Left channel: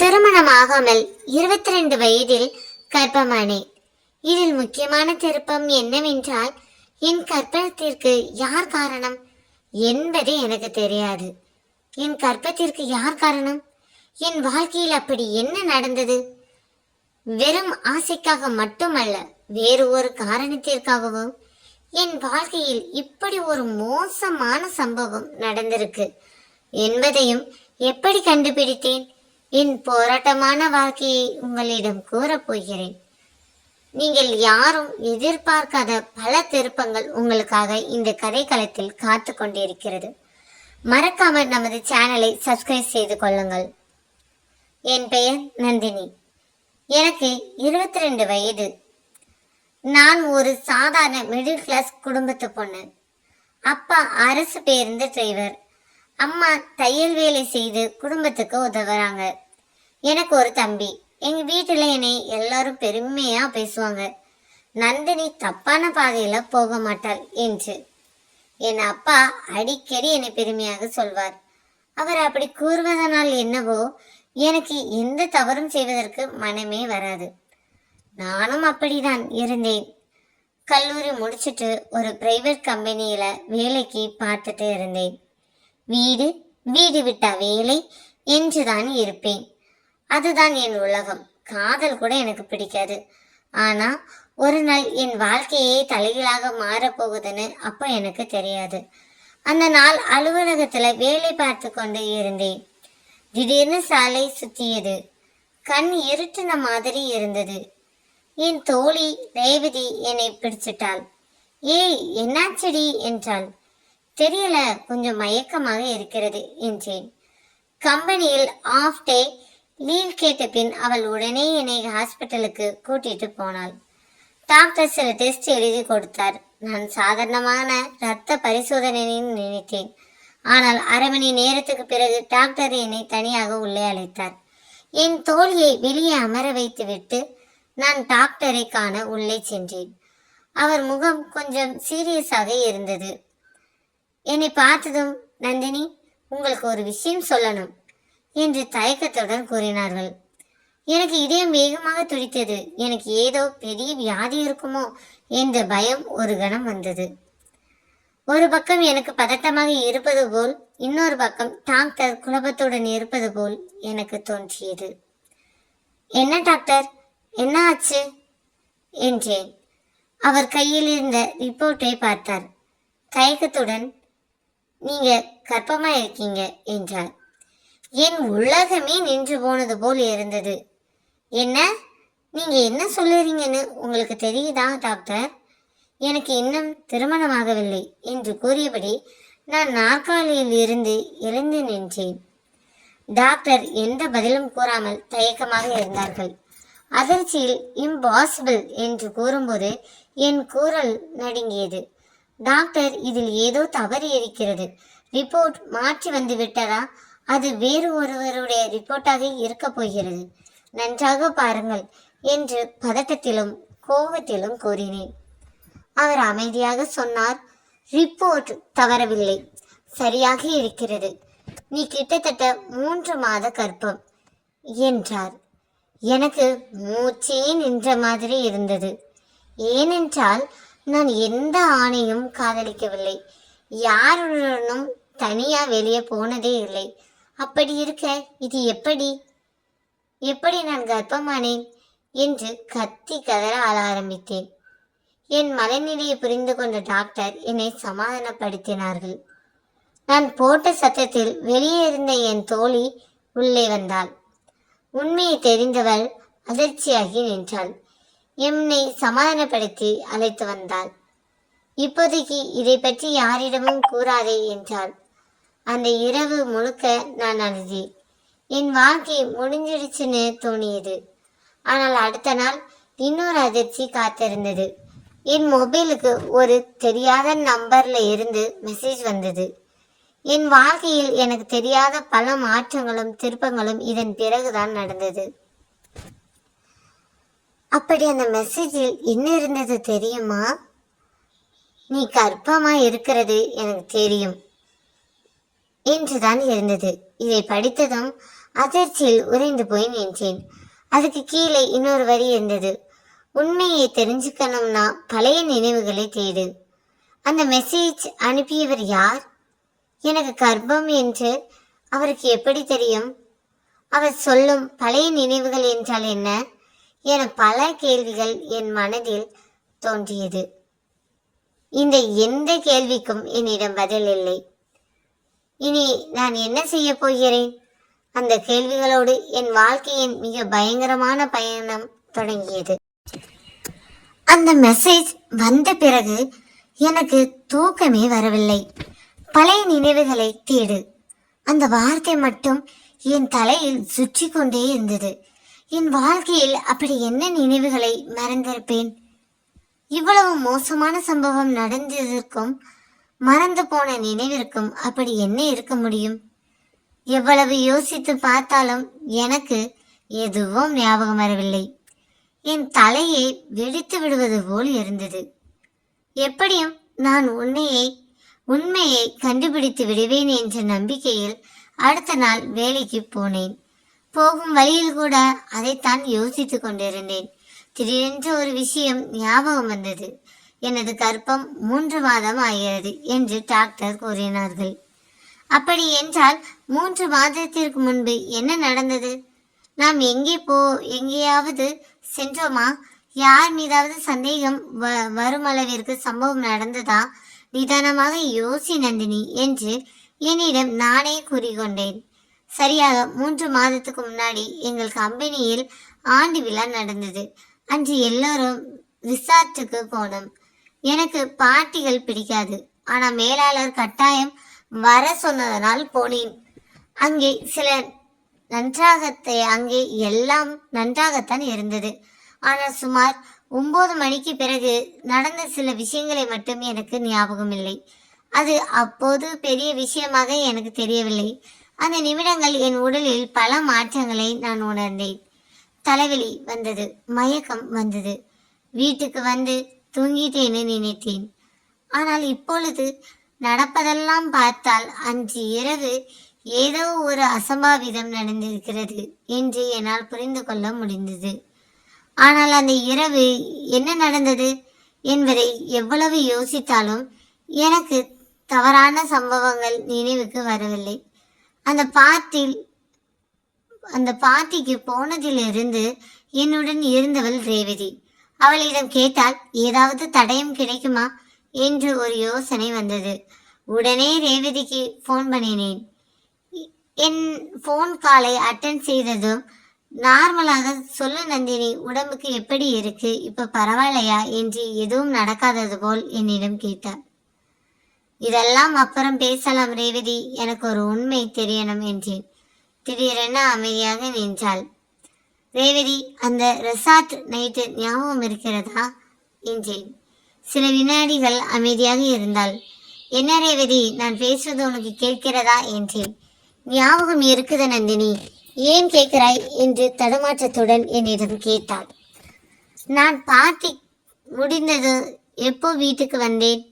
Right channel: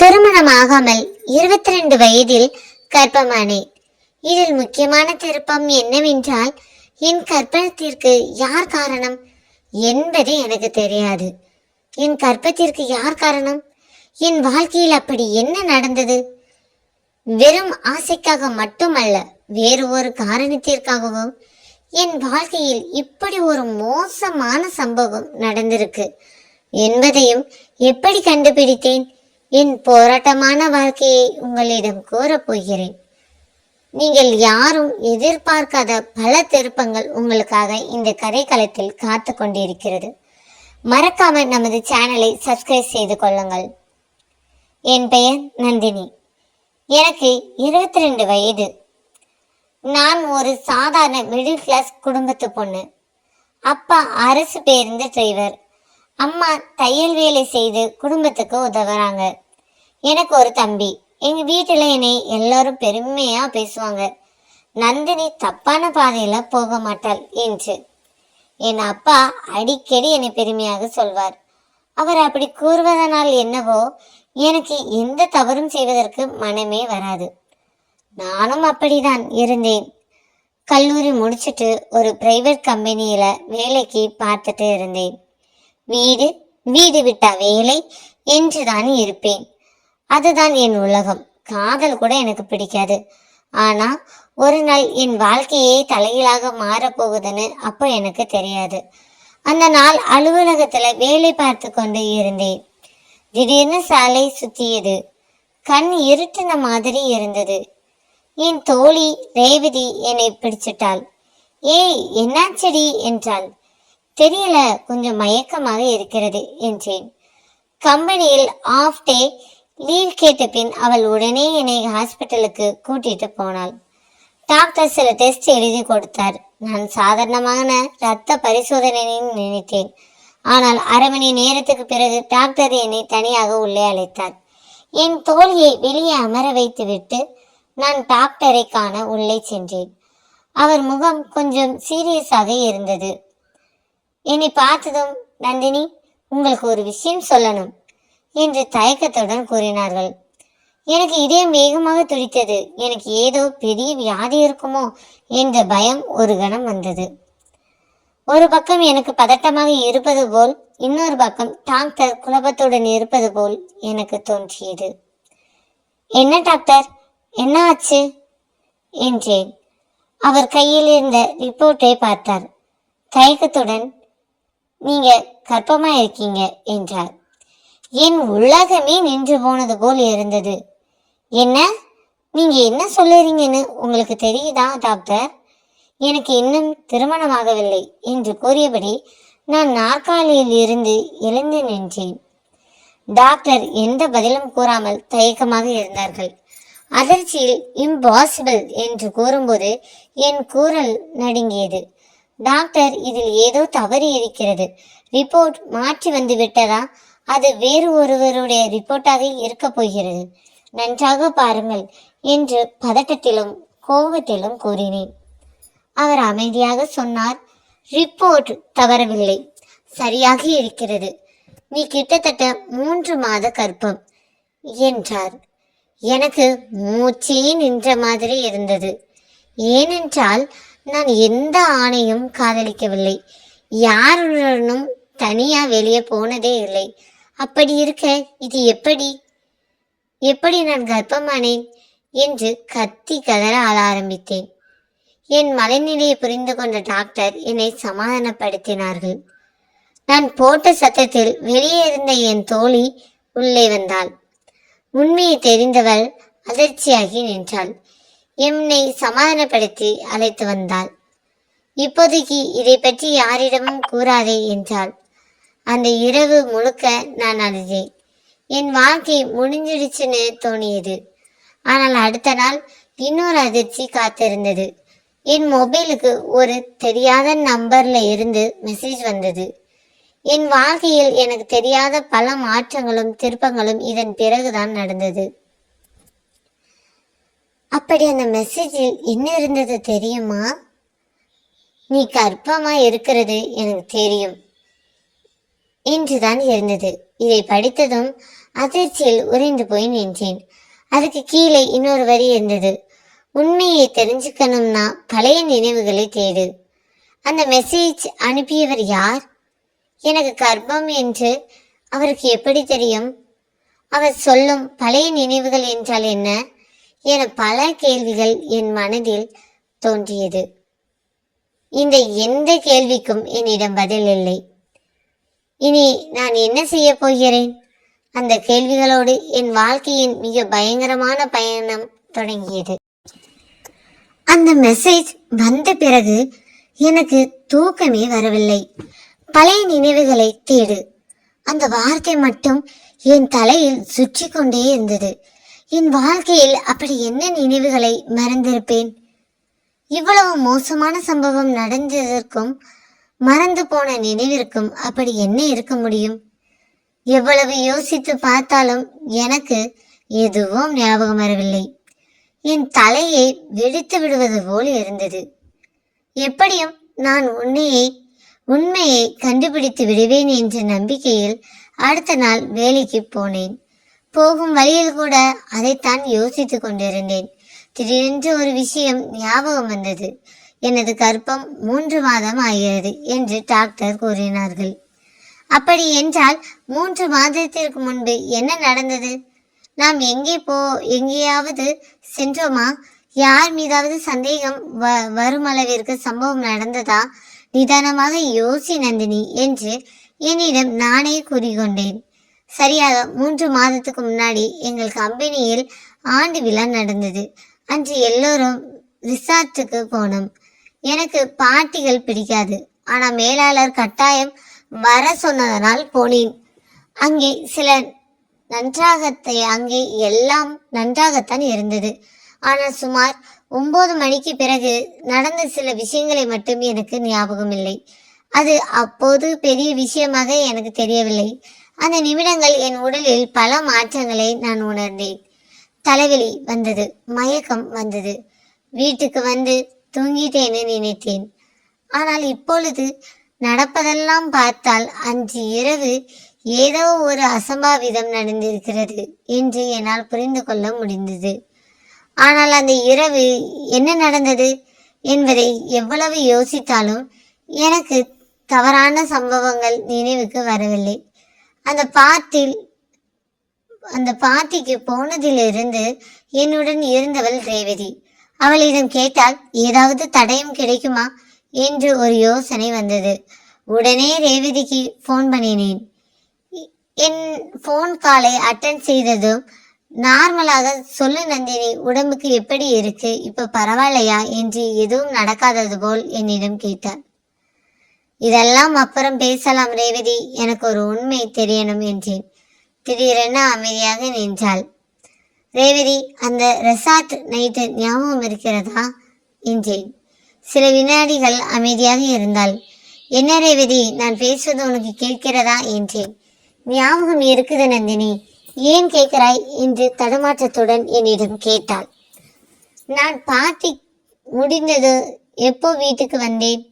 திருமணமாகாமல் 22 வயதில் கர்ப்பமானேன். இதில் முக்கியமான திருப்பம் என்னவென்றால், என் கர்ப்பத்திற்கு யார் காரணம் என்பது எனக்கு தெரியாது. என் கர்ப்பத்திற்கு யார் காரணம்? என் வாழ்க்கையில் அப்படி என்ன நடந்தது? வெறும் ஆசைக்காக மட்டுமல்ல, வேறு ஒரு காரணத்திற்காகவும் என் வாழ்க்கையில் இப்படி ஒரு மோசமான சம்பவம் நடந்திருக்கு என்பதையும் எப்படி கண்டுபிடித்தேன்? என் போராட்டமான வாழ்க்கையை உங்களிடம் கூறப் போகிறேன். நீங்கள் யாரும் எதிர்பார்க்காத பல திருப்பங்கள் உங்களுக்காக இந்த கதைக்களத்தில் காத்து கொண்டிருக்கிறது. மறக்காம நமது சேனலை சப்ஸ்கிரைப் செய்து கொள்ளுங்கள். என் பெயர் நந்தினி. எனக்கு 22 வயது. நான் ஒரு சாதாரண மிடில் கிளாஸ் குடும்பத்து பொண்ணு. அப்பா அரசு பேருந்து டிரைவர். அம்மா தையல் வேலை செய்து குடும்பத்துக்கு உதவுறாங்க. எனக்கு ஒரு தம்பி. எங்க வீட்டுல என்னை எல்லாரும் பெருமையா பேசுவாங்க. நந்தினி தப்பான பாதையில போக மாட்டாள் என்று. என் அப்பா அடிக்கடி என்னை பெருமையாக சொல்வார். அவர் அப்படி கூறுவதனால் என்னவோ எனக்கு எந்த தவறும் செய்வதற்கு மனமே வராது. நானும் அப்படிதான் இருந்தேன். கல்லூரி முடிச்சுட்டு ஒரு பிரைவேட் கம்பெனியில வேலைக்கு பார்த்துட்டு இருந்தேன். வீடு வீடு விட்டா வேலை என்றுதான் இருப்பேன். அதுதான் என் உலகம். காதல் கூட எனக்கு பிடிக்காது. ஆனா ஒரு நாள் என் வாழ்க்கையே தலைகீழாக மாறப்போகுதுன்னு அப்போ எனக்கு தெரியாது. அந்த நாள் அலுவலகத்துல வேலை பார்த்து கொண்டு இருந்தேன். திடீர்னு சாலை சுத்தியது. கண் இருட்டின மாதிரி இருந்தது. என் தோழி ரேவதி என்னை பிடிச்சிட்டாள். ஏய், என்னாச்சடி என்றாள். தெரியல, கொஞ்சம் மயக்கமாக இருக்கிறது என்றேன். கம்பெனியில் ஆஃப் டே லீவ் கேட்ட பின் அவள் உடனே என்னை ஹாஸ்பிட்டலுக்கு கூட்டிட்டு போனாள். டாக்டர் சில டெஸ்ட் எழுதி கொடுத்தார். நான் சாதாரணமான இரத்த பரிசோதனைன்னு நினைத்தேன். ஆனால் அரை மணி நேரத்துக்கு பிறகு டாக்டர் என்னை தனியாக உள்ளே அழைத்தார். என் தோழியை வெளியே அமர வைத்து விட்டு நான் டாக்டரை காண உள்ளே சென்றேன். அவர் முகம் கொஞ்சம் சீரியஸாக இருந்தது. என்னை பார்த்ததும், நந்தினி, உங்களுக்கு ஒரு விஷயம் சொல்லணும் என்று தயக்கத்துடன் கூறினார்கள். எனக்கு இதயம் வேகமாக துடித்தது. எனக்கு ஏதோ பெரிய வியாதி இருக்குமோ என்ற பயம் ஒரு கணம் வந்தது. ஒரு பக்கம் எனக்கு பதட்டமாக இருப்பது போல், இன்னொரு பக்கம் டாக்டர் குழப்பத்துடன் இருப்பது போல் எனக்கு தோன்றியது. என்ன டாக்டர், என்ன ஆச்சு என்றேன். அவர் கையில் இருந்த ரிப்போர்ட்டை பார்த்தார். தயக்கத்துடன், நீங்க கர்ப்பமா இருக்கீங்க என்றார். என் உலகமே நின்று போனது போல் இருந்தது. என்ன, நீங்க என்ன சொல்லுறீங்கன்னு உங்களுக்கு தெரியுதா டாக்டர்? எனக்கு இன்னும் திருமணமாகவில்லை என்று கூறியபடி நான் நாற்காலியில் இருந்து எழுந்து நின்றேன். டாக்டர் எந்த பதிலும் கூறாமல் தயக்கமாக இருந்தார்கள். அதிர்ச்சியில் இம்பாசிபிள் என்று கூறும்போது என் குரல் நடுங்கியது. டாக்டர், இதில் ஏதோ தவறு இருக்கிறது. ரிப்போர்ட் மாற்றி வந்து விட்டதா? அது வேறு ஒருவருடைய ரிப்போர்ட்டாக இருக்க போகிறது. நன்றாக பாருங்கள் என்று பதட்டத்திலும் கோபத்திலும் கூறினேன். அவர் அமைதியாக சொன்னார். ரிப்போர்ட் தவறவில்லை, சரியாக இருக்கிறது. நீ கிட்டத்தட்ட 3 மாத கர்ப்பம் என்றார். எனக்கு மூச்சே நின்ற மாதிரி இருந்தது. ஏனென்றால் நான் எந்த ஆணையும் காதலிக்கவில்லை. யாருடனும் தனியா வெளியே போனதே இல்லை. அப்படி இருக்க இது எப்படி நான் கர்ப்பமானேன் என்று கத்தி கதற ஆள ஆரம்பித்தேன். என் மனநிலையை புரிந்து கொண்ட டாக்டர் என்னை சமாதானப்படுத்தினார்கள். நான் போட்ட சத்தத்தில் வெளியே இருந்த என் தோழி உள்ளே வந்தாள். உண்மையை தெரிந்தவள் அதிர்ச்சியாகி நின்றாள். என்னை சமாதானப்படுத்தி அழைத்து வந்தாள். இப்போதைக்கு இதை பற்றி யாரிடமும் கூறாதே என்றாள். அந்த இரவு முழுக்க நான் அழுதேன். என் வாழ்க்கை முடிஞ்சிடுச்சுன்னு தோணியது. ஆனால் அடுத்த நாள் இன்னொரு அதிர்ச்சி காத்திருந்தது. என் மொபைலுக்கு ஒரு தெரியாத நம்பர்ல இருந்து மெசேஜ் வந்தது. என் வாழ்க்கையில் எனக்கு தெரியாத பல மாற்றங்களும் திருப்பங்களும் இதன் பிறகுதான் நடந்தது. அப்படி அந்த மெசேஜில் என்ன இருந்தது தெரியுமா? நீ கர்ப்பமா இருக்கிறது எனக்கு தெரியும் என்றுதான் இருந்தது. இதை படித்ததும் அதிர்ச்சியில் உறைந்து போய் நின்றேன். அதுக்கு கீழே இன்னொரு வரி இருந்தது. உண்மையை தெரிஞ்சுக்கணும்னா பழைய நினைவுகளை தேடு. அந்த மெசேஜ் அனுப்பியவர் யார்? எனக்கு கர்ப்பம் என்று அவருக்கு எப்படி தெரியும்? அவர் சொல்லும் பழைய நினைவுகள் என்றால் என்ன என பல கேள்விகள் என் மனதில் தோன்றியது. இந்த எந்த கேள்விக்கும் என்னிடம் பதில் இல்லை. இனி நான் என்ன செய்ய போகிறேன்? அந்த கேள்விகளோடு என் வாழ்க்கையின் மிக பயங்கரமான பயணம் தொடங்கியது. அந்த மெசேஜ் வந்த பிறகு எனக்கு தூக்கமே வரவில்லை. பழைய நினைவுகளை தேடு, அந்த வார்த்தை மட்டும் என் தலையில் சுற்றி கொண்டே இருந்தது. என் வாழ்க்கையில் அப்படி என்ன நினைவுகளை மறந்திருப்பேன்? இவ்வளவு மோசமான சம்பவம் நடந்ததற்கும் மறந்து போன நினைவிற்கும் அப்படி என்ன இருக்க முடியும்? எவ்வளவு யோசித்து பார்த்தாலும் எனக்கு எதுவும் ஞாபகம் வரவில்லை. என் தலையை வெடித்து விடுவது போல் இருந்தது. எப்படியும் நான் உண்மையை கண்டுபிடித்து விடுவேன் என்ற நம்பிக்கையில் அடுத்த நாள் வேலைக்கு போனேன். போகும் வழியில் கூட அதைத்தான் யோசித்து கொண்டிருந்தேன். திடீரென்று ஒரு விஷயம் ஞாபகம் வந்தது. எனது கர்ப்பம் 3 மாதம் ஆகிறது என்று டாக்டர் கூறினார்கள். அப்படி என்றால் 3 மாதத்திற்கு முன்பு என்ன நடந்தது? நாம் எங்கேயாவது சென்றோமா? யார் மீதாவது சந்தேகம் வரும் அளவிற்கு சம்பவம் நடந்ததா? நிதானமாக யோசி நந்தினி என்று என்னிடம் நானே கூறிக்கொண்டேன். சரியாக 3 மாதத்துக்கு முன்னாடி எங்கள் கம்பெனியில் ஆண்டு விழா நடந்தது. அன்று எல்லோரும் ரிசார்ட்டுக்கு போனோம். எனக்கு பார்ட்டிகள் பிடிக்காது. ஆனா மேலாளர் கட்டாயம் வர சொன்னதனால் போனேன். அங்கே எல்லாம் நன்றாகத்தான் இருந்தது. ஆனால் சுமார் 9 மணிக்கு பிறகு நடந்த சில விஷயங்களை மட்டும் எனக்கு ஞாபகம் இல்லை. அது அப்போது பெரிய விஷயமாக எனக்கு தெரியவில்லை. அந்த நிமிடங்கள் என் உடலில் பல மாற்றங்களை நான் உணர்ந்தேன். தலைவலி வந்தது, மயக்கம் வந்தது. வீட்டுக்கு வந்து தூங்கிட்டேன்னு நினைத்தேன். ஆனால் இப்பொழுது நடப்பதெல்லாம் பார்த்தால் அன்று இரவு ஏதோ ஒரு அசம்பாவிதம் நடந்திருக்கிறது என்று என்னால் புரிந்து கொள்ள முடிந்தது. ஆனால் அந்த இரவு என்ன நடந்தது என்பதை எவ்வளவு யோசித்தாலும் எனக்கு தவறான சம்பவங்கள் நினைவுக்கு வரவில்லை. அந்த பார்ட்டிக்கு போனதிலிருந்து என்னுடன் இருந்தவள் ரேவதி. அவளிடம் கேட்டால் ஏதாவது தடயம் கிடைக்குமா என்று ஒரு யோசனை வந்தது. உடனே ரேவதிக்கு போன் பண்ணினேன். என் போன் காலை அட்டன் செய்ததும் நார்மலாக சொல்லு நந்தினி, உடம்புக்கு எப்படி இருக்கு, இப்ப பரவாயில்லையா என்று எதுவும் நடக்காதது போல் என்னிடம் கேட்டார். இதெல்லாம் அப்புறம் பேசலாம் ரேவதி, எனக்கு ஒரு உண்மை தெரியணும் என்றேன். திடீரென அமைதியாக நின்றாள். ரேவதி, அந்த ரெசார்ட் நைட்டு ஞாபகம் இருக்கிறதா என்றேன். சில வினாடிகள் அமைதியாக இருந்தாள். என்ன ரேவதி, நான் பேசுவது உனக்கு கேட்கிறதா என்றேன். ஞாபகம் இருக்குது நந்தினி, ஏன் கேட்கிறாய் என்று தடுமாற்றத்துடன் என்னிடம் கேட்டாள். நான் பார்ட்டி முடிந்தது எப்போ வீட்டுக்கு வந்தேன்.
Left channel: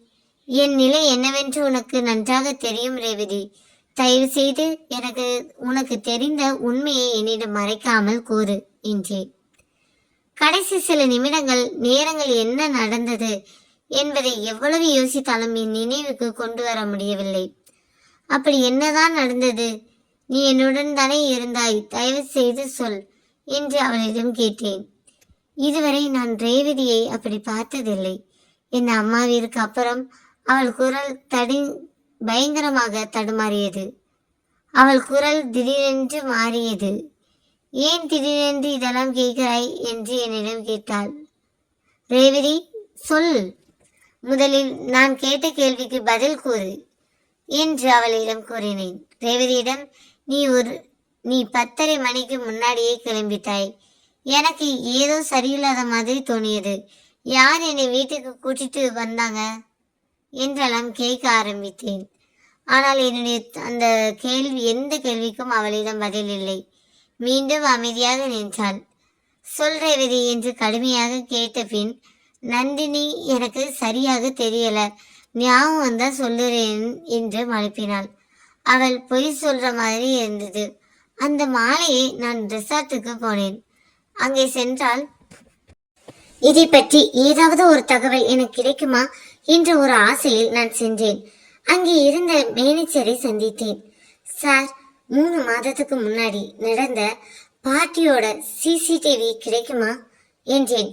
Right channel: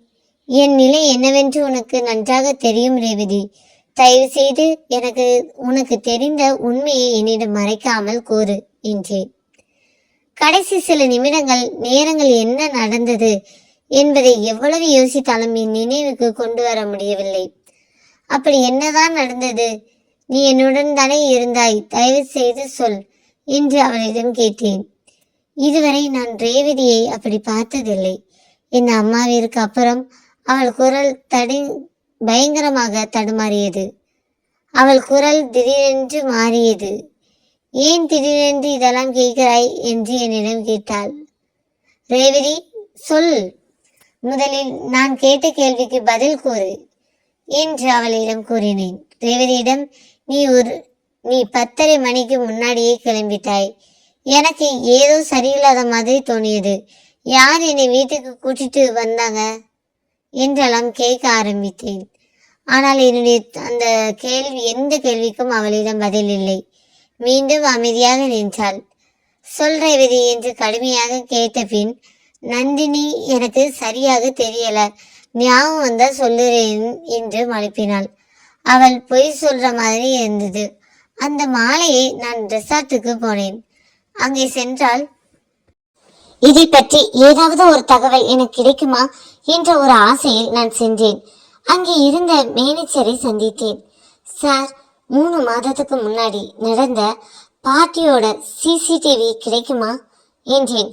என் நிலை என்னவென்று உனக்கு நன்றாக தெரியும் ரேவதி. தயவு செய்து உனக்கு தெரிந்த உண்மையை என்னிடம் மறைக்காமல் கூறு என்றேன். கடைசி சில நேரங்கள் என்ன நடந்தது என்பதை எவ்வளவு யோசித்தாலும் என் நினைவுக்கு கொண்டு வர முடியவில்லை. அப்படி என்னதான் நடந்தது? நீ என்னுடன் தானே இருந்தாய், தயவு செய்து சொல் என்று அவளிடம் கேட்டேன். இதுவரை நான் ரேவதியை அப்படி பார்த்ததில்லை. என் அம்மாவிற்கு அப்புறம் அவள் குரல் பயங்கரமாக தடுமாறியது. அவள் குரல் திடீரென்று மாறியது. ஏன் திடீரென்று இதெல்லாம் கேட்கிறாய் என்று என்னிடம் கேட்டாள். ரேவதி, சொல், முதலில் நான் கேட்ட கேள்விக்கு பதில் கூறு என்று அவளிடம் கூறினேன். ரேவதியிடம், நீ 10:30 மணிக்கு முன்னாடியே கிளம்பிட்டாய். எனக்கு ஏதோ சரியில்லாத மாதிரி தோணியது. யார் என்னை வீட்டுக்கு கூட்டிட்டு வந்தாங்க என்றெல்லாம் கேட்க ஆரம்பித்தேன். ஆனால் என்னுடைய எந்த கேள்விக்கும் அவளிடம் பதில் இல்லை. மீண்டும் அமைதியாக நின்றாள். சொல் ரேவதி என்று கடுமையாக கேட்ட பின், நந்தினி, எனக்கு சரியாக தெரியல, ஞாபகம் வந்தா சொல்லுறேன் என்று மழுப்பினாள். அவள் பொய் சொல்ற மாதிரி இருந்தது. அந்த மாலையை நான் ரெசார்ட்டுக்கு போனேன். அங்கே சென்றால் இதை பற்றி ஏதாவது ஒரு தகவல் எனக்கு கிடைக்குமா என்ற ஒரு ஆசையில் நான் சென்றேன். அங்கே இருந்த மேனேஜரை சந்தித்தேன். சார், 3 மாதத்துக்கு முன்னாடி நடந்த பார்ட்டியோட சிசிடிவி கிடைக்குமா என்றேன்.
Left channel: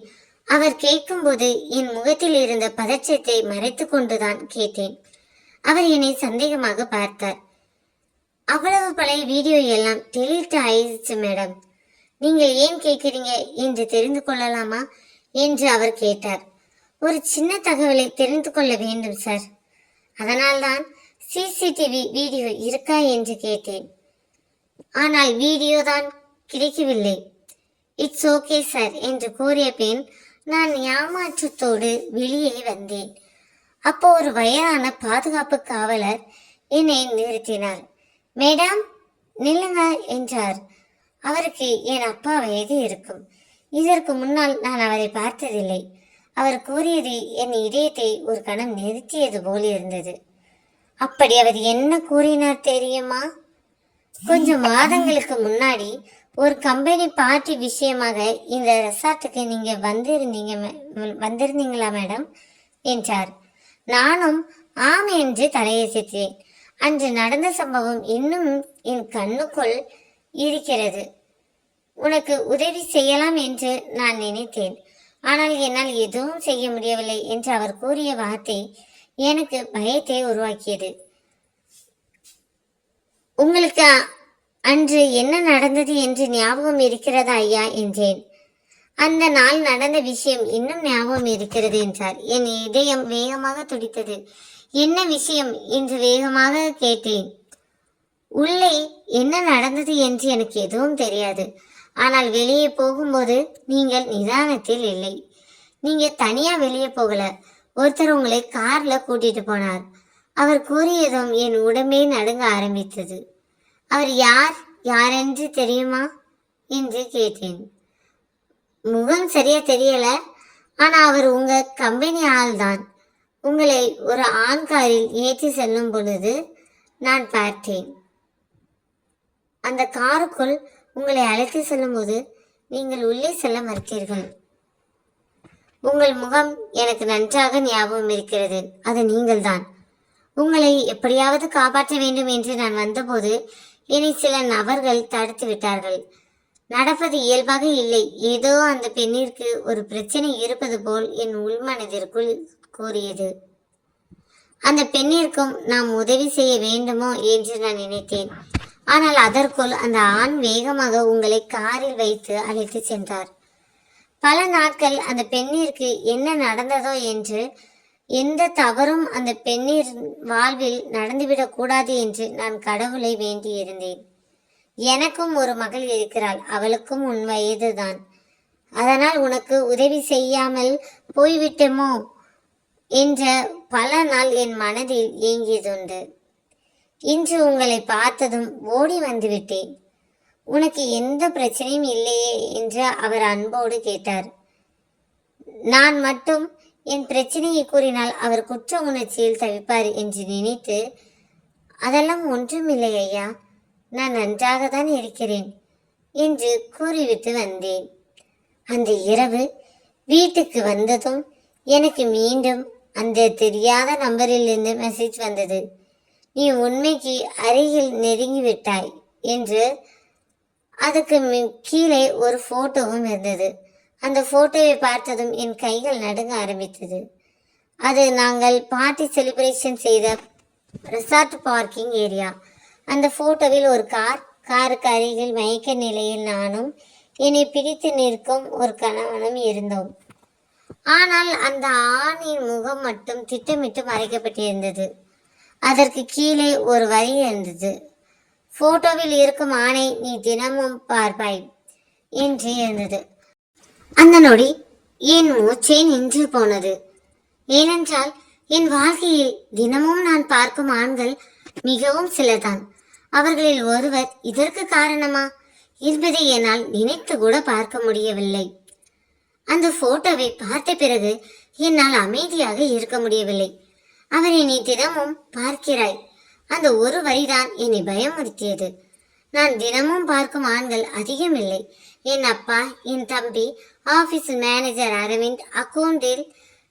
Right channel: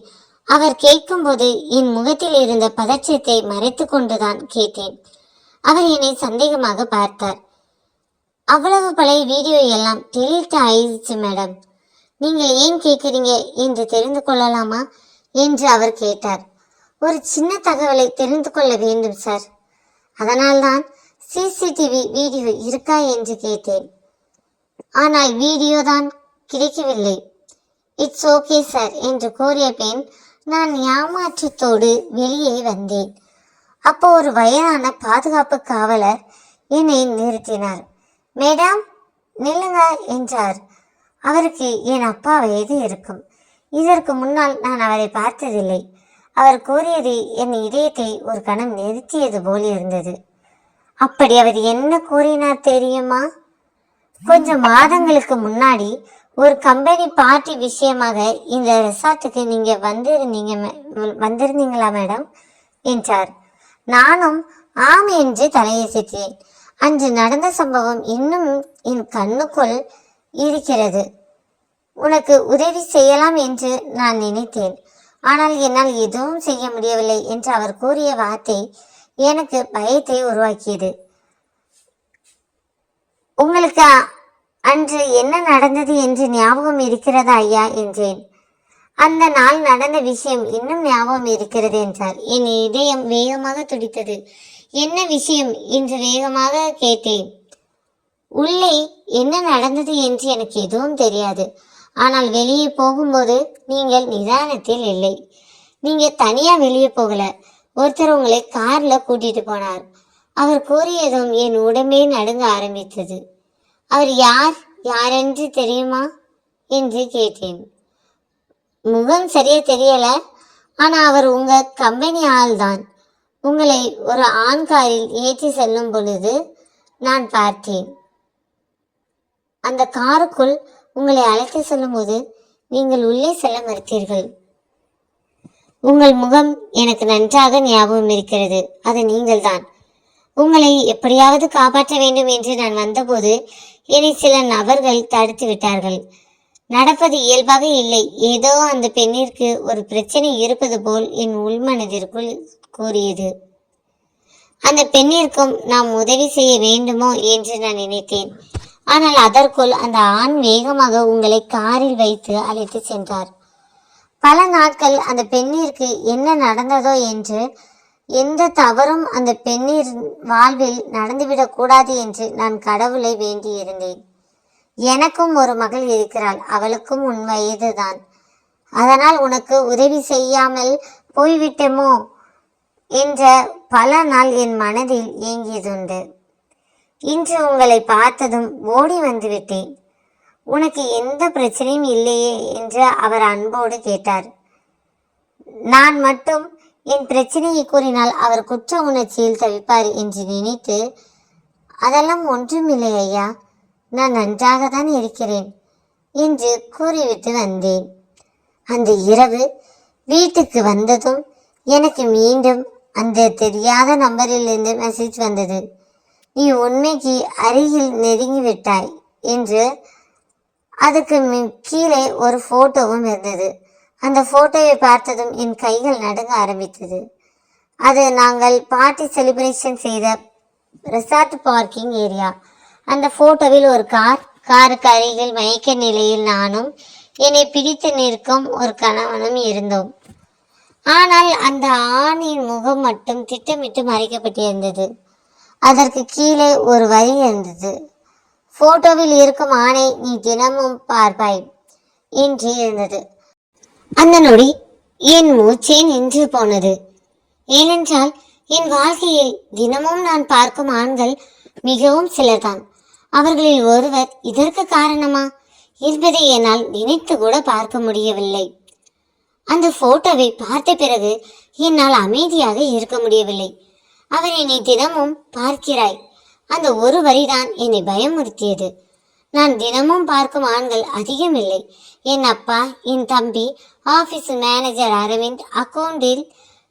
அவர் கேட்கும்போது என் முகத்தில் இருந்த பதற்றத்தை மறைத்து கொண்டுதான் கேட்டேன். அவர் என்னை சந்தேகமாக பார்த்தார். அவ்வளவு பழைய வீடியோ எல்லாம் டெலீட் ஆயிடுச்சு மேடம். நீங்கள் ஏன் கேட்குறீங்க என்று தெரிந்து கொள்ளலாமா என்று அவர் கேட்டார். ஒரு சின்ன தகவலை தெரிந்து கொள்ள வேண்டும் சார். அதனால்தான் சிசிடிவி வீடியோ இருக்கா என்று கேட்டேன். ஆனால் வீடியோ தான் கிடைக்கவில்லை. இட்ஸ் ஓகே சார் என்று கூறிய பின் நான் ஏமாற்றத்தோடு வெளியே வந்தேன். அப்போ ஒரு வயதான பாதுகாப்பு காவலர் என்னை நிறுத்தினார். மேடம், நில்லுங்க என்றார். அவருக்கு என் அப்பா வயது இருக்கும். இதற்கு முன்னால் நான் அவரை பார்த்ததில்லை. அவர் கூறியது என் இதயத்தை ஒரு கணம் நிறுத்தியது போல் இருந்தது. அப்படி அவர் என்ன கூறினார் தெரியுமா? கொஞ்சம் மாதங்களுக்கு முன்னாடி ஒரு கம்பெனி பார்ட்டி விஷயமாக இந்த ரெசார்ட்டுக்கு நீங்க வந்திருந்தீங்களா மேடம் என்றார். நானும் ஆம் என்று தலையசைத்தேன். அன்று நடந்த சம்பவம் இன்னும் என் கண்ணுக்குள் இருக்கிறது. உனக்கு உதவி செய்யலாம் என்று நான் நினைத்தேன். ஆனால் என்னால் எதுவும் செய்ய முடியவில்லை என்று அவர் கூறிய வார்த்தை எனக்கு பயத்தை உருவாக்கியது. உங்களுக்கு அன்று என்ன நடந்தது என்று ஞாபகம் இருக்கிறதா ஐயா என்றேன். அந்த நாள் நடந்த விஷயம் இன்னும் ஞாபகம் இருக்கிறது என்றார். என் இதயம் வேகமாக துடித்தது. என்ன விஷயம் என்று வேகமாக கேட்டேன். உள்ளே என்ன நடந்தது என்று எனக்கு எதுவும் தெரியாது. ஆனால் வெளியே போகும்போது நீங்கள் நிதானத்தில் இல்லை. நீங்க தனியா வெளியே போகல. ஒருத்தர் உங்களை கார்ல கூட்டிட்டு போனார். அவர் கூறியதும் என் உடம்பே நடுங்க ஆரம்பித்தது. அவர் யாரென்று தெரியுமா என்று கேட்டேன். முகம் சரியா தெரியல. ஆனா அவர் உங்க கம்பெனி ஆள் தான். உங்களை ஒரு ஆண் காரில் ஏற்றி செல்லும் பொழுது நான் பார்த்தேன். அந்த காருக்குள் உங்களை அழைத்து செல்லும் போது நீங்கள் உள்ளே செல்ல மறுத்தீர்கள். உங்கள் முகம் எனக்கு நன்றாக ஞாபகம் இருக்கிறது. அது நீங்கள் தான். உங்களை எப்படியாவது காப்பாற்ற வேண்டும் என்று நான் வந்தபோது என்னை சில நபர்கள் தடுத்து விட்டார்கள். நடப்பது இயல்பாக இல்லை. ஏதோ அந்த பெண்ணிற்கு ஒரு பிரச்சனை இருப்பது போல் என் உள்மனதிற்குள் கூறியது. அந்த பெண்ணிற்கும் நாம் உதவி செய்ய வேண்டுமோ என்று நான் நினைத்தேன். ஆனால் அதற்குள் அந்த ஆண் வேகமாக உங்களை காரில் வைத்து அழைத்து சென்றார். பல நாட்கள் அந்த பெண்ணிற்கு என்ன நடந்ததோ என்று, எந்த தவறும் அந்த பெண்ணின் வாழ்வில் நடந்துவிடக் கூடாது என்று நான் கடவுளை வேண்டி இருந்தேன். எனக்கும் ஒரு மகள் இருக்கிறாள். அவளுக்கும் உன் வயதுதான். அதனால் உனக்கு உதவி செய்யாமல் போய்விட்டோமோ என்ற பல நாள் என் மனதில் ஏங்கியதுண்டு. இன்று உங்களை பார்த்ததும் ஓடி வந்து விட்டேன். உனக்கு எந்த பிரச்சனையும் இல்லையே என்று அவர் அன்போடு கேட்டார். நான் மட்டும் என் பிரச்சனையை கூறினால் அவர் குற்ற உணர்ச்சியில் தவிப்பார் என்று நினைத்து, அதெல்லாம் ஒன்றுமில்லை ஐயா, நான் நன்றாக தான் இருக்கிறேன் என்று கூறிவிட்டு வந்தேன். அந்த இரவு வீட்டுக்கு வந்ததும் எனக்கு மீண்டும் அந்த தெரியாத நம்பரிலிருந்து மெசேஜ் வந்தது. நீ உண்மைக்கு அருகில் நெருங்கிவிட்டாய் என்று. அதுக்கு கீழே ஒரு போட்டோவும் இருந்தது. அந்த போட்டோவை பார்த்ததும் என் கைகள் நடுங்க ஆரம்பித்தது. அது நாங்கள் பார்ட்டி செலிப்ரேஷன் செய்த ரெசார்ட் பார்க்கிங் ஏரியா. அந்த போட்டோவில் ஒரு காருக்கு அருகில் மயக்க நிலையில் நானும் என்னை பிடித்து நிற்கும் ஒரு கணவனும் இருந்தோம். ஆனால் அந்த ஆணின் முகம் மட்டும் திட்டமிட்டு மறைக்கப்பட்டிருந்தது. அதற்கு கீழே ஒரு வரி இருந்தது. போட்டோவில் இருக்கும் ஆணை நீ தினமும் பார்ப்பாய் என்று இருந்தது. அந்த நொடி என் மூச்சே நின்று போனது. ஏனென்றால் என் வாழ்க்கையை தினமும் நான் பார்க்கும் ஆண்கள் மிகவும் சிலர்தான். அவர்களில் ஒருவர் இதற்கு காரணமா என்பதை என்னால் நினைத்து கூட பார்க்க முடியவில்லை. அந்த போட்டோவை பார்த்த பிறகு என்னால் அமைதியாக இருக்க முடியவில்லை. அவர் என்னை தினமும் பார்க்கிறாய், அந்த ஒரு வரிதான் என்னை பயமுறுத்தியது. நான் தினமும் பார்க்கும் ஆண்கள் அதிகம் இல்லை. என் அப்பா, என் தம்பி, ஆபீஸ் மேனேஜர் அரவிந்த், அக்கவுண்டில்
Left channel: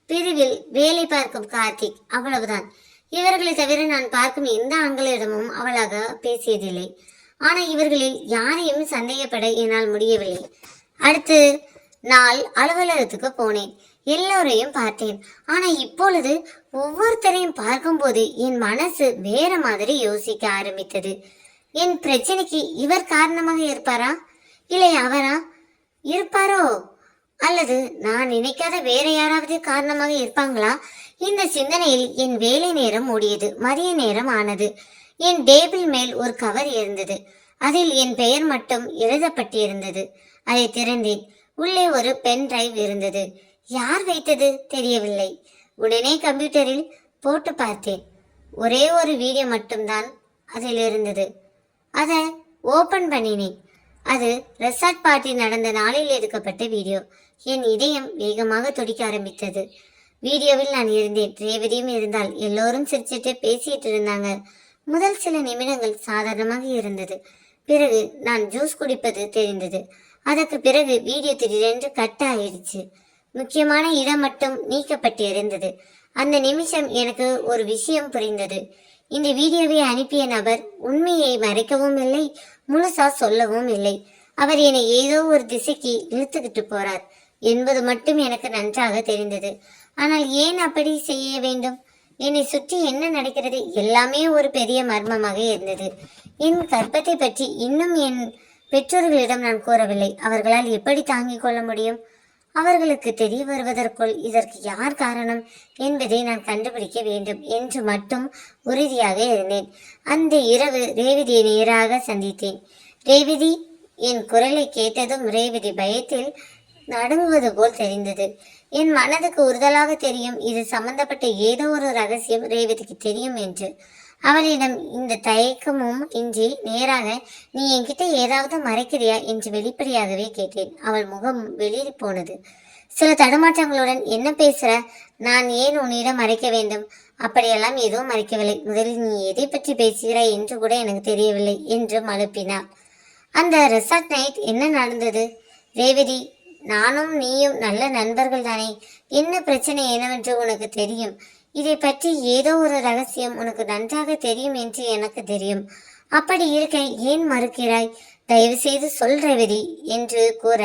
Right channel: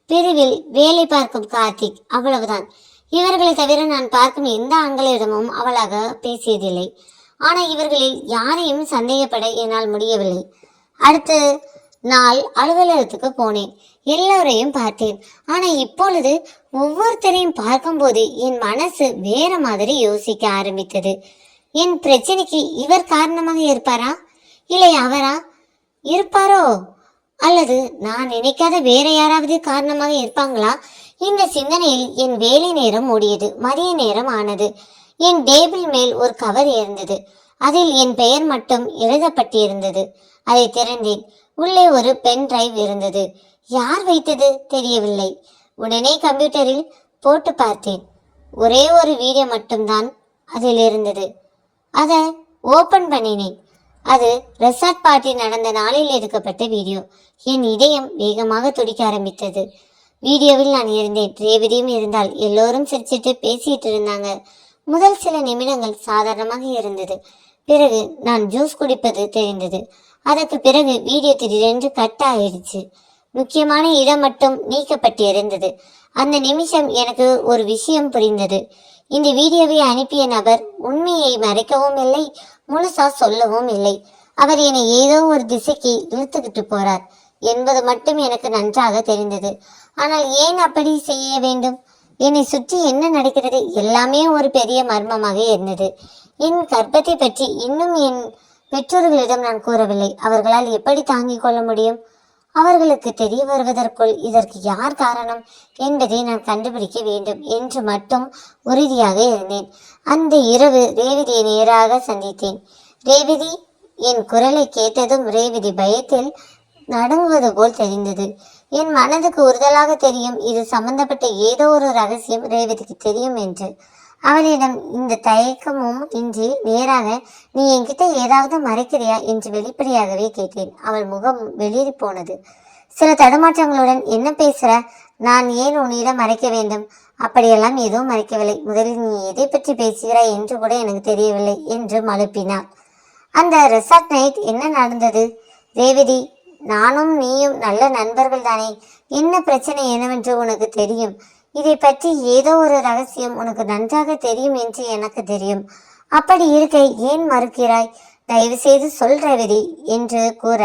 பிரிவில் வேலை பார்க்கும் கார்த்திக், அவ்வளவுதான். இவர்களை தவிர நான் பார்க்கும் எந்த ஆண்களிடமும் அவளாக பேசியதில்லை. ஆனால் இவர்களில் யாரையும் சந்தேகப்பட என்னால் முடியவில்லை. அடுத்த நாள் அலுவலகத்துக்கு போனேன். எல்லோரையும் பார்த்தேன். ஆனா இப்பொழுது ஒவ்வொருத்தரையும் பார்க்கும்போது என் மனசு வேற மாதிரி யோசிக்க ஆரம்பித்தது. என் பிரச்சனைக்கு இவர் காரணமாக இருப்பாரா, இல்லை அவரா இருப்பாரோ, அல்லது நான் நினைக்காத வேற யாராவது காரணமாக இருப்பாங்களா? இந்த சிந்தனையில் என் வேலை நேரம் ஓடியது. மதிய நேரம் ஆனது. என் டேபிள் மேல் ஒரு கவர் இருந்தது. அதில் என் பெயர் மட்டும் எழுதப்பட்டிருந்தது. அதை திறந்தேன். உள்ளே ஒரு பென் டிரைவ் இருந்தது. யார் வைத்தது தெரியவில்லை. உடனே கம்ப்யூட்டரில் போட்டு பார்த்தேன். ஒரே ஒரு வீடியோ மட்டும்தான் அதில் இருந்தது. அதை ஓபன் பண்ணினேன். அது ரெசார்ட் பார்ட்டி நடந்த நாளில் எடுக்கப்பட்ட வீடியோ. என் இதயம் வேகமாக துடிக்க ஆரம்பித்தது. வீடியோவில் நான் இருந்தேன், ரேவதியும் இருந்தால். எல்லோரும் சிரிச்சிட்டு பேசிட்டு இருந்தாங்க. முதல் சில நிமிடங்கள் சாதாரணமாக இருந்தது. பிறகு நான் ஜூஸ் குடிப்பது தெரிந்தது. அதற்கு பிறகு வீடியோ திடீரென்று கட் ஆயிடுச்சு. முக்கியமான இடம் மட்டும் நீக்கப்பட்டிருந்தது. அந்த நிமிஷம் எனக்கு ஒரு விஷயம் புரிந்தது. இந்த வீடியோவை அனுப்பிய நபர் உண்மையை மறைக்கவும் இல்லை, முழுசா சொல்லவும் இல்லை. அவர் என்னை ஏதோ ஒரு திசைக்கு இழுத்துக்கிட்டு போறார் என்பது மட்டும் எனக்கு நன்றாக தெரிந்தது. ஆனால் ஏன் அப்படி செய்ய வேண்டும்? என்னை சுற்றி என்ன நடக்கிறது எல்லாமே ஒரு பெரிய மர்மமாக இருந்தது. என் கர்ப்பத்தை பற்றி இன்னும் என் பெற்றோர்களிடம் நான் கூறவில்லை. அவர்களால் எப்படி தாங்கிக் கொள்ள முடியும்? அவர்களுக்கு தெரிய வருவதற்குள் இதற்கு யார் காரணம் என்பதை நான் கண்டுபிடிக்க வேண்டும் என்று மட்டும் உறுதியாக இருந்தேன். அந்த இரவு ரேவதியை நேராக சந்தித்தேன். ரேவதி, என் குரலை கேட்டதும் ரேவதி பயத்தில் நடுங்குவது போல் தெரிந்தது. என் மனதுக்கு உறுதலாக தெரியும், இது சம்பந்தப்பட்ட ஏதோ ஒரு ரகசியம் ரேவதிக்கு தெரியும் என்று. அவளிடம் இந்த தயக்கமும் இன்றி நேராக, நீ என்கிட்ட ஏதாவது மறைக்கிறியா என்று வெளிப்படையாகவே கேட்டேன். அவள் முகம் வெளியேறி போனது. சில தடுமாற்றங்களுடன், என்ன பேசுற? நான் ஏன் உன்னிடம் மறைக்க வேண்டும்? அப்படியெல்லாம் எதுவும் மறைக்கவில்லை. முதலில் நீ எதை பற்றி பேசுகிறாய் என்று கூட எனக்கு தெரியவில்லை என்று மழுப்பினாள். அந்த ரெசார்ட் நைட் என்ன நடந்தது? ரேவதி, நானும் நீயும் நல்ல நண்பர்கள் தானே. என்ன பிரச்சனை என்னவென்று உனக்கு தெரியும். இதை பற்றி ஏதோ ஒரு ரகசியம் உனக்கு நன்றாக தெரியும் என்று எனக்கு தெரியும். அப்படி இருக்க ஏன் மறுக்கிறாய்? தயவு செய்து சொல் ரேவதி என்று கூற,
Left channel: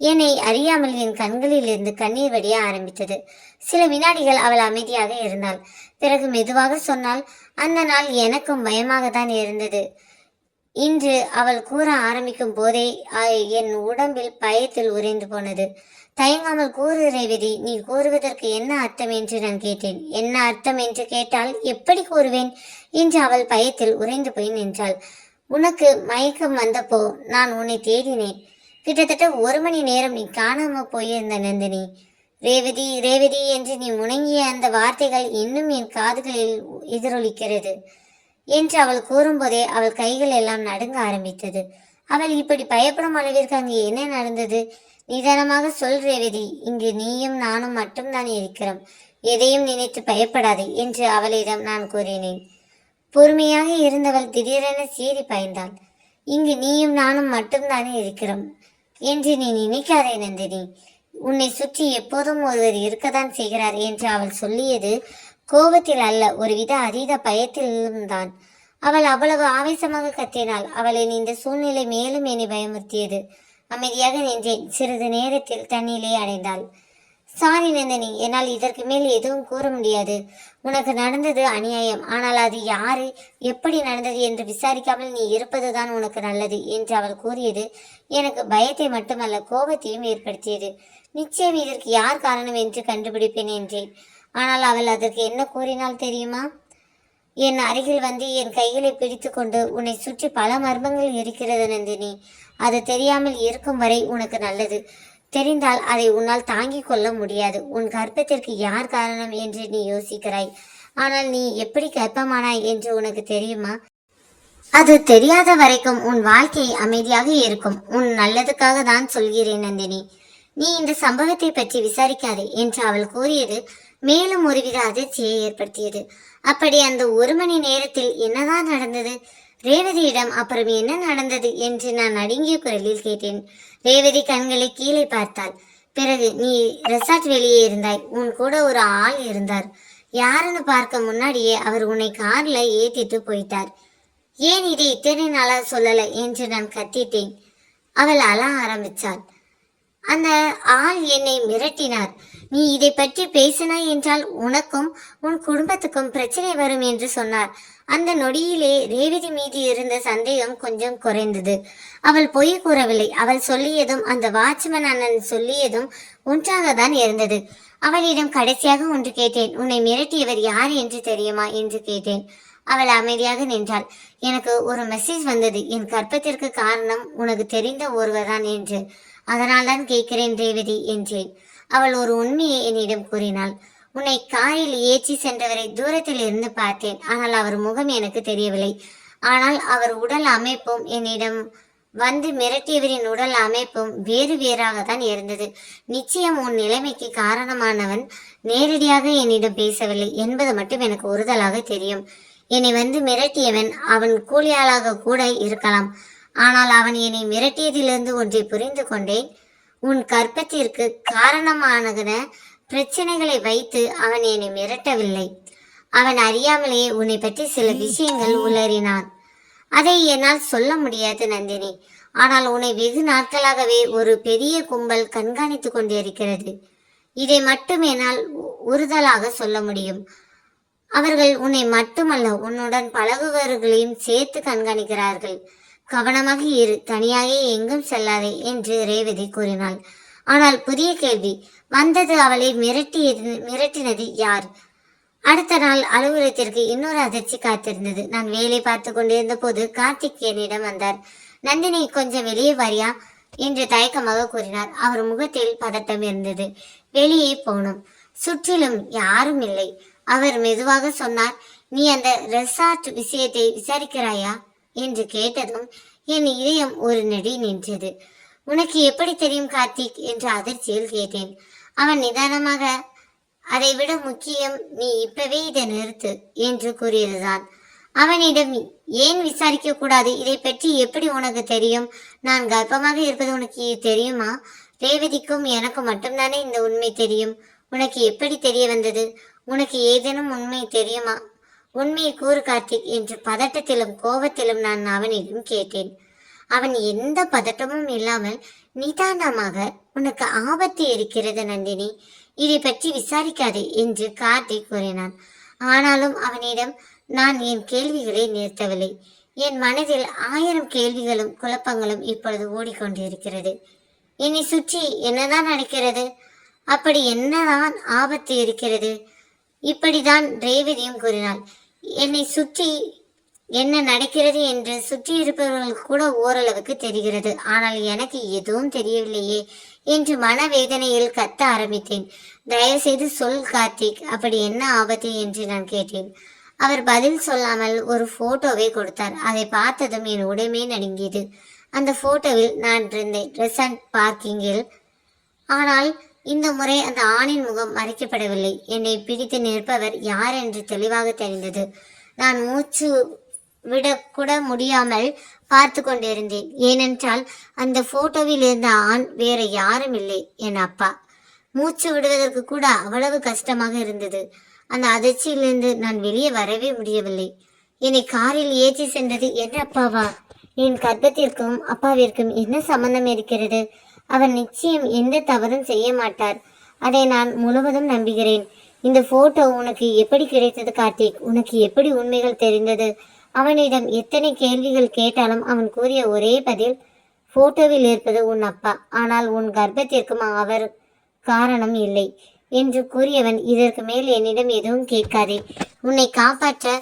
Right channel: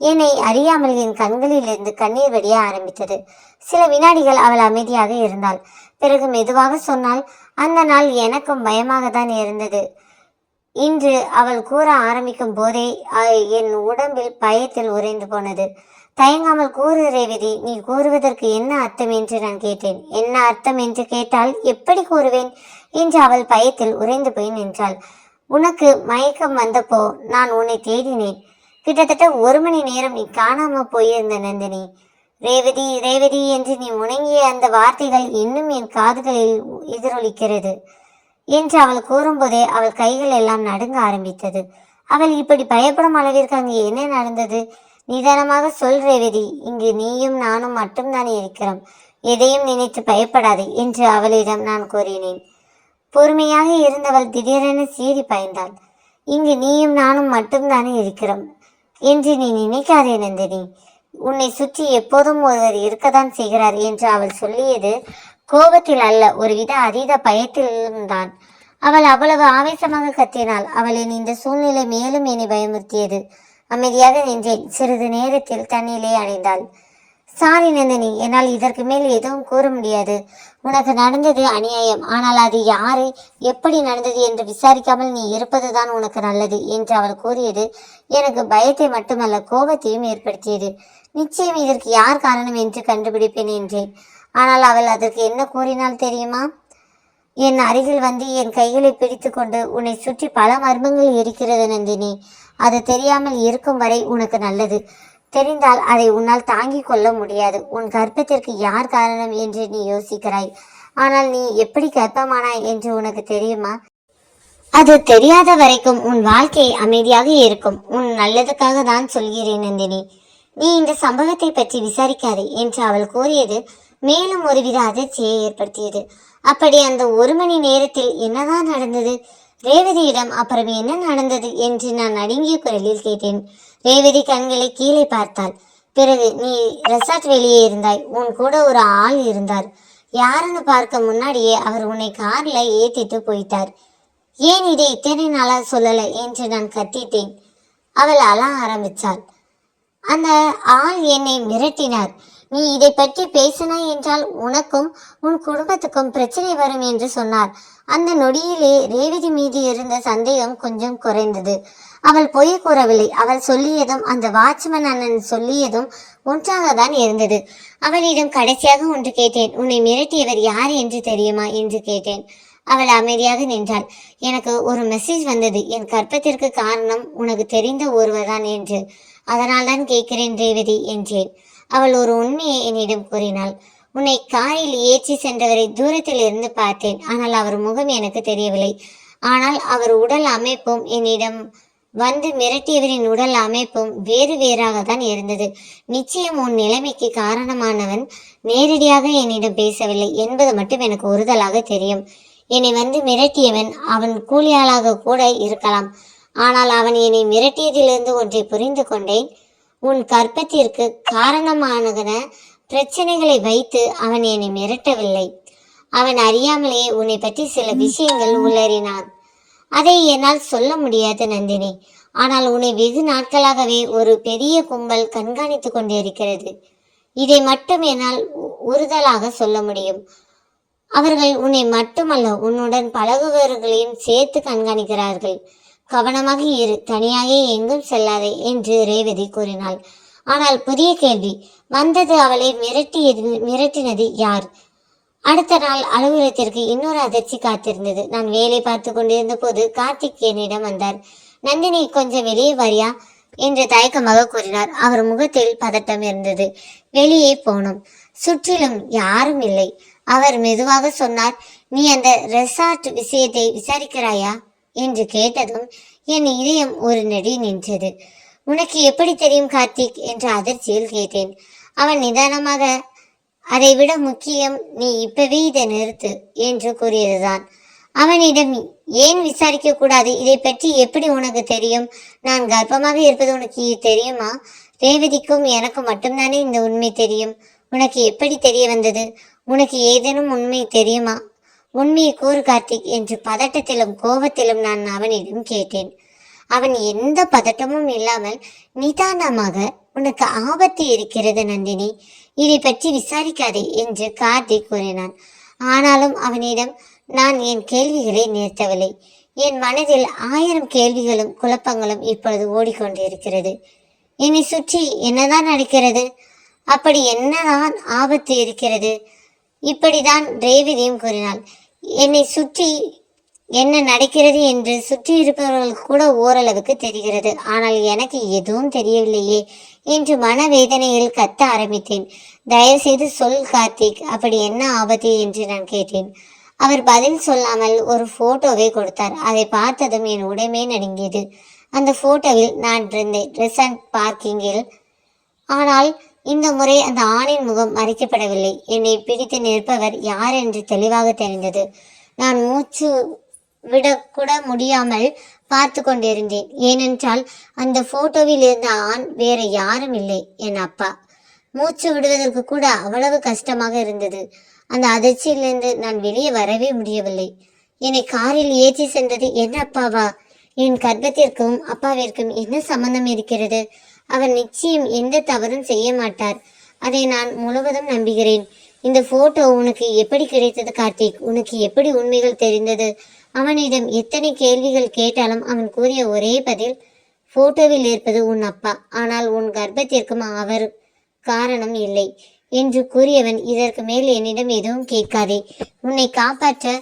என்னை அறியாமல் என் கண்களிலிருந்து கண்ணீர் வடிய ஆரம்பித்தது. சில வினாடிகள் அவள் அமைதியாக இருந்தாள். பிறகு மெதுவாக சொன்னால், அந்த நாள் எனக்கும் பயமாக தான் இருந்தது. இன்று அவள் கூற ஆரம்பிக்கும் போதே என் உடம்பில் பயத்தில் உறைந்து போனது. தயங்காமல் கூறு ரேவதி, நீ கூறுவதற்கு என்ன அர்த்தம் என்று நான் கேட்டேன். என்ன அர்த்தம் என்று கேட்டால் எப்படி கூறுவேன் என்று அவள் பயத்தில் உறைந்து போய் நின்றாள். உனக்கு மயக்கம் வந்தப்போ நான் உன்னை தேடினேன். கிட்டத்தட்ட 1 மணி நேரம் நீ காணாம போயிருந்த நந்தினி. ரேவதி ரேவதி என்று நீ முணங்கிய அந்த வார்த்தைகள் இன்னும் என் காதுகளில் எதிரொலிக்கிறது என்று அவள் கூறும்போதே அவள் கைகள் எல்லாம் நடுங்க ஆரம்பித்தது. அவள் இப்படி பயப்படும் அளவிற்கு அங்கே என்ன நடந்தது? நிதானமாக சொல் ரேவதி, இங்கு நீயும் நானும் மட்டும்தான் இருக்கிறோம். எதையும் நினைத்து பயப்படாதே என்று அவளிடம் நான் கூறினேன். பொறுமையாக இருந்தவள் திடீரென சீறி பாய்ந்தாள். இங்கு நீயும் நானும் மட்டும்தானே இருக்கிறோம் என்று நீ நினைக்காதே நந்தினி. உன்னை சுற்றி எப்போதும் ஒருவர் இருக்கத்தான் செய்கிறார் என்று அவள் சொல்லியது கோபத்தில் அல்ல, ஒருவித அதீத பயத்திலும் தான். அவள் அவ்வளவு ஆவேசமாக கத்தினாள். அவளின் இந்த சூழ்நிலை மேலும் என்னை பயமுறுத்தியது. அமைதியாக நின்றேன். சிறிது நேரத்தில் தண்ணியிலே அணைந்தாள். சாரி நந்தினி, என்னால் இதற்கு மேல் எதுவும் கூற முடியாது. உனக்கு நடந்தது அநியாயம். ஆனால் அது யாரு, எப்படி நடந்தது என்று விசாரிக்காமல் நீ இருப்பதுதான் உனக்கு நல்லது என்று அவள் கூறியது எனக்கு பயத்தை மட்டுமல்ல கோபத்தையும் ஏற்படுத்தியது. நிச்சயம் இதற்கு யார் காரணம் என்று கண்டுபிடிப்பேன் என்றேன். ஆனால் அவள் அதற்கு என்ன கூறினாள் தெரியுமா? என் அருகில் வந்து என் கைகளை பிடித்து கொண்டு, உன்னை சுற்றி பல மர்மங்கள் இருக்கிறது நந்தினி. அது தெரியாமல் இருக்கும் வரை உனக்கு நல்லது. தெரிந்தால் அதை உன்னால் தாங்கிக் கொள்ள முடியாது. உன் கர்ப்பத்திற்கு யார் காரணம் என்று நீ யோசிக்கிறாய். ஆனால் நீ எப்படி கர்ப்பமானாய் என்று உனக்கு தெரியுமா? அது தெரியாத வரைக்கும் உன் வாழ்க்கை அமைதியாக இருக்கும். உன் நல்லதுக்காக தான் சொல்கிறேன் நந்தினி. நீ இந்த சம்பவத்தை பற்றி விசாரிக்காதே என்று அவள் கூறியது மேலும் ஒருவித அதிர்ச்சியை ஏற்படுத்தியது. அப்படி அந்த 1 மணி நேரத்தில் என்னதான் நடந்தது? ரேவதியிடம் அப்புறம் என்ன நடந்தது என்று நான் நடுங்கிய குரலில் கேட்டேன். ரேவதி கண்களை கீழே பார்த்தாள். பிறகு, நீ ரெசார்ட் வெளியே இருந்தாய். உன் கூட ஒரு ஆள் இருந்தார். யாருன்னு பார்க்க முன்னாடியே அவர் உன்னை கார்ல ஏத்திட்டு போயிட்டார். ஏன் இதை இத்தனை நாளா சொல்லல என்று நான் கத்திட்டேன். அவள் அழ ஆரம்பித்தாள். அந்த ஆள் என்னை மிரட்டினார். நீ இதை பற்றி பேசினாய் என்றால் உனக்கும் உன் குடும்பத்துக்கும் பிரச்சனை வரும் என்று சொன்னார். அந்த நொடியிலே ரேவதி மீது இருந்த சந்தேகம் கொஞ்சம் குறைந்தது. அவள் பொய் கூறவில்லை. அவள் சொல்லியதும் அந்த வாட்ச்மேன் அண்ணன் சொல்லியதும் ஒன்றாக தான் இருந்தது. அவளிடம் கடைசியாக ஒன்று கேட்டேன். உன்னை மிரட்டியவர் யார் என்று தெரியுமா என்று கேட்டேன். அவள் அமைதியாக நின்றாள். எனக்கு ஒரு மெசேஜ் வந்தது. என் கர்ப்பத்திற்கு காரணம் உனக்கு தெரிந்த ஒருவர்தான் என்று. அதனால்தான் கேட்கிறேன் ரேவதி என்றேன். அவள் ஒரு உண்மையை என்னிடம் கூறினாள். உன்னை காரில் ஏற்றி சென்றவரை தூரத்தில் இருந்து பார்த்தேன். ஆனால் அவர் முகம் எனக்கு தெரியவில்லை. ஆனால் அவர் உடல் அமைப்பும் என்னிடம் வந்து மிரட்டியவரின் உடல் அமைப்பும் வேறு வேறாக தான் இருந்தது. நிச்சயம் உன் நிலைமைக்கு காரணமானவன் நேரடியாக என்னிடம் பேசவில்லை என்பது மட்டும் எனக்கு உறுதலாக தெரியும். என்னை வந்து மிரட்டியவன் அவன் கூலியாளாக கூட இருக்கலாம். ஆனால் அவன் என்னை மிரட்டியதிலிருந்து ஒன்றை புரிந்து கொண்டேன். உன் கர்ப்பத்திற்கு காரணமான பிரச்சனைகளை வைத்து அவன் என்னை மிரட்டவில்லை. அவன் அறியாமலேயே உன்னை பற்றி சில விஷயங்கள் உளறினான். அதை என்னால் சொல்ல முடியாது நந்தினி. ஆனால் உன்னை வெகு நாட்களாகவே ஒரு பெரிய கும்பல் கண்காணித்து கொண்டிருக்கிறது. இதை மட்டும் என்னால் உறுதலாக சொல்ல முடியும். அவர்கள் உன்னை மட்டுமல்ல, உன்னுடன் பழகுவர்களையும் சேர்த்து கண்காணிக்கிறார்கள். கவனமாக இரு, தனியாக எங்கும் செல்லாதே என்று ரேவதி கூறினாள். ஆனால் புதிய கேள்வி வந்தது. அவளை மிரட்டினது யார்? அடுத்த நாள் அலுவலகத்திற்கு இன்னொரு அதிர்ச்சி காத்திருந்தது. நான் வேலை பார்த்து கொண்டிருந்த போது கார்த்திக் என்னிடம் வந்தார். நந்தினி, கொஞ்சம் வெளியே வரியா என்று தயக்கமாக கூறினார். அவர் முகத்தில் பதட்டம் இருந்தது. வெளியே போனோம். சுற்றிலும் யாரும் இல்லை. அவர் மெதுவாக சொன்னார், நீ அந்த ரெசார்ட் விஷயத்தை விசாரிக்கிறாயா என்று கேட்டதும் என் இதயம் ஒரு நெடி நின்றது. உனக்கு எப்படி தெரியும் கார்த்திக் என்று அதிர்ச்சியில் கேட்டேன். அவன் நிதானமாக, அதை விட முக்கியம், நீ இப்பவே இதை நிறுத்து என்று கூறியதுதான். அவனிடம், ஏன் விசாரிக்க கூடாது? இதை பற்றி எப்படி உனக்கு தெரியும்? நான் கர்ப்பமாக இருப்பது உனக்கு தெரியுமா? ரேவதிக்கும் எனக்கும் மட்டும்தானே இந்த உண்மை தெரியும். உனக்கு எப்படி தெரிய வந்தது? உனக்கு ஏதேனும் உண்மை தெரியுமா? உண்மையை கூறு கார்த்திக் என்று பதட்டத்திலும் கோபத்திலும் நான் அவனிடம் கேட்டேன். அவன் எந்த பதட்டமும் இல்லாமல் நிதானமாக, உனக்கு ஆபத்து இருக்கிறது நந்தினி, இதை பற்றி விசாரிக்காதே என்று கார்த்திக் கூறினான். ஆனாலும் அவனிடம் நான் என் கேள்விகளை நிறுத்தவில்லை. என் மனதில் 1000 கேள்விகளும் குழப்பங்களும் இப்பொழுது ஓடிக்கொண்டிருக்கிறது. என்னை சுற்றி என்னதான் நடக்கிறது? அப்படி என்னதான் ஆபத்து இருக்கிறது? இப்படிதான் ரேவதியும் கூறினாள். என்னை சுற்றி என்ன நடக்கிறது என்று சுற்றி இருப்பவர்களுக்கு கூட ஓரளவுக்கு தெரிகிறது. ஆனால் எனக்கு எதுவும் தெரியவில்லையே என்று மனவேதனையில் கத்த ஆரம்பித்தேன். தயவு செய்து சொல் கார்த்திக், அப்படி என்ன ஆபத்து என்று நான் கேட்டேன். அவர் பதில் சொல்லாமல் ஒரு போட்டோவை கொடுத்தார். அதை பார்த்ததும் என் உடம்பே நடுங்கியது. அந்த போட்டோவில் நான் இருந்தேன் ரெசார்ட் பார்க்கிங்கில். ஆனால் இந்த முறை அந்த ஆணின் முகம் மறைக்கப்படவில்லை. என்னை பிடித்து நிற்பவர் யார் என்று தெளிவாக தெரிந்தது. நான் மூச்சு விடக்கூட முடியாமல் பார்த்து கொண்டிருந்தேன். ஏனென்றால் அந்த போட்டோவில் இருந்த ஆண் வேற யாரும் இல்லை, என் அப்பா. மூச்சு விடுவதற்கு கூட அவ்வளவு கஷ்டமாக இருந்தது. அந்த அதிர்ச்சியிலிருந்து நான் வெளியே வரவே முடியவில்லை. என்னை காரில் ஏற்றி சென்றது என் அப்பாவா? என் கர்ப்பத்திற்கும் அப்பாவிற்கும் என்ன சம்பந்தம் இருக்கிறது? அவர் நிச்சயம் எந்த தவறும் செய்ய மாட்டார். அதை நான் முழுவதும் நம்புகிறேன். இந்த போட்டோ உனக்கு எப்படி கிடைத்தது கார்த்திக்? உனக்கு எப்படி உண்மைகள் தெரிந்தது? அவனிடம் எத்தனை கேள்விகள் கேட்டாலும் அவன் கூறிய ஒரே பதில், போட்டோவில் இருப்பது உன் அப்பா, ஆனால் உன் கர்ப்பத்திற்கும் அவர் காரணம் இல்லை என்று கூறியவன் இதற்கு மேல் என்னிடம் எதுவும் கேட்காதே. உன்னை காப்பாற்ற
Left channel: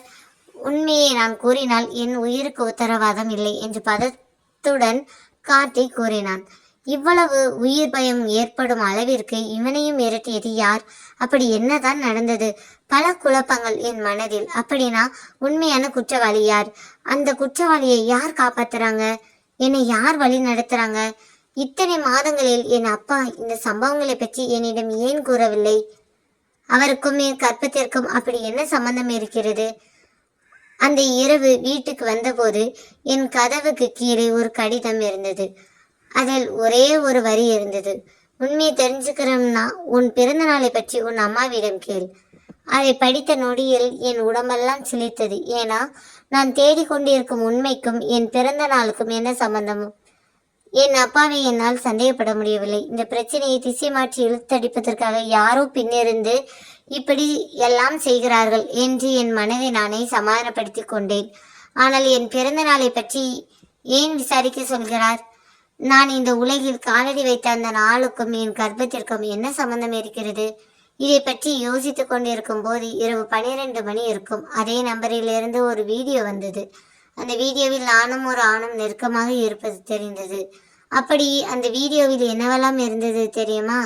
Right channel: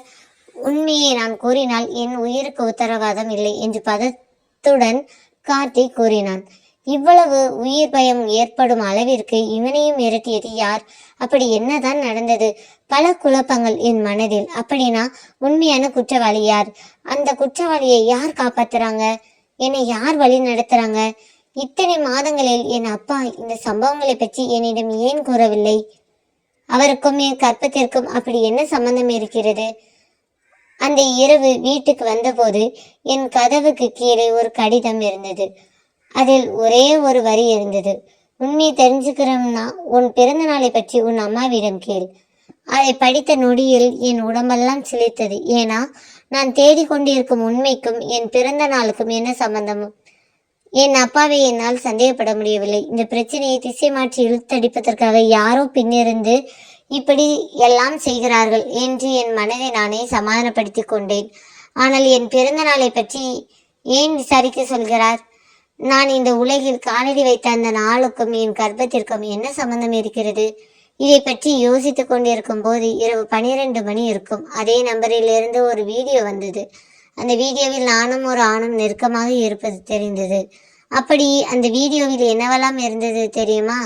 உண்மையை நான் கூறினால் என் உயிருக்கு உத்தரவாதம் இல்லை என்று பதத்துடன் கார்த்திக் கூறினான். இவ்வளவு உயிர் பயம் ஏற்படும் அளவிற்கு இவனையும் மிரட்டியது யார்? அப்படி என்னதான் நடந்தது? பல குழப்பங்கள் என் மனதில். அப்படின்னா உண்மையான குற்றவாளி யார்? அந்த குற்றவாளியை யார் காப்பாத்துறாங்க? என்னை யார் வழி நடத்துறாங்க? இத்தனை மாதங்களில் என் அப்பா இந்த சம்பவங்களை பற்றி என்னிடம் ஏன் கூறவில்லை? அவருக்கும் என் கற்பத்திற்கும் அப்படி என்ன சம்பந்தம் இருக்கிறது? அந்த இரவு வீட்டுக்கு வந்தபோது என் கதவுக்கு கீழே ஒரு கடிதம் இருந்தது. அதில் ஒரே ஒரு வரி இருந்தது. உண்மையை தெரிஞ்சுக்கிறோம்னா உன் பிறந்த நாளை பற்றி உன் அம்மாவிடம் கேள். அதை படித்த நொடியில் என் உடம்பெல்லாம் சிலிர்த்தது. ஏன்னா நான் தேடிக்கொண்டிருக்கும் உண்மைக்கும் என் பிறந்த நாளுக்கும் என்ன சம்பந்தமும்? என் அப்பாவை என்னால் சந்தேகப்பட முடியவில்லை. இந்த பிரச்சனையை திசை மாற்றி இழுத்தடிப்பதற்காக யாரோ பின்னிருந்து இப்படி எல்லாம் செய்கிறார்கள் என்று என் மனதை நானே சமாதானப்படுத்தி கொண்டேன். ஆனால் என் பிறந்த நாளை பற்றி ஏன் விசாரிக்க சொல்கிறார்? நான் இந்த உலகில் காலடி வைத்த அந்த நாளுக்கும் என் கர்ப்பத்திற்கும் என்ன சம்பந்தம் இருக்கிறது? இதை பற்றி யோசித்துக் கொண்டிருக்கும் போது இரவு 12 மணி இருக்கும். அதே நம்பரிலிருந்து ஒரு வீடியோ வந்தது. அந்த வீடியோவில் நானும் ஒரு ஆணும் நெருக்கமாக இருப்பது தெரிந்தது. அப்படி அந்த வீடியோவில் என்னவெல்லாம் இருந்தது தெரியுமா?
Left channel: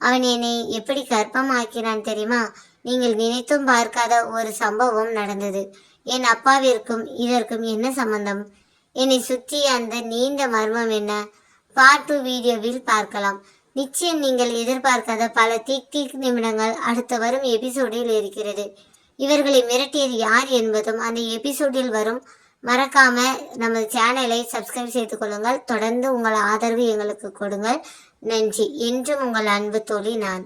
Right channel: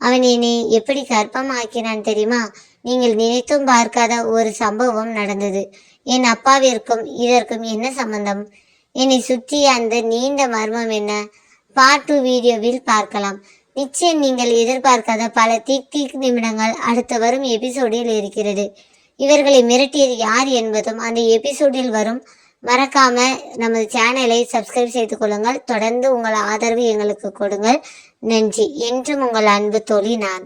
அவன் என்னை எப்படி கர்ப்பம் ஆக்கினான் தெரியுமா? நீங்கள் நினைத்தும் பார்க்காத ஒரு சம்பவம் நடந்தது. என் அப்பாவிற்கும் இதற்கும் என்ன சம்பந்தம்? என்னை சுற்றிய அந்த நீண்ட மர்மம் என்ன? பார்ட் 2 வீடியோவில் பார்க்கலாம். நிச்சயம் நீங்கள் எதிர்பார்க்காத பல திக் நிமிடங்கள் அடுத்த வரும் எபிசோடில் இருக்கிறது. இவர்களை மிரட்டியது யார் என்பதும் அந்த எபிசோடில் வரும். மறக்காம நமது சேனலை சப்ஸ்கிரைப் செய்து கொள்ளுங்கள். தொடர்ந்து உங்கள் ஆதரவு எங்களுக்கு கொடுங்கள். நன்றி. என்றும் உங்கள் அன்பு தோழி நான்.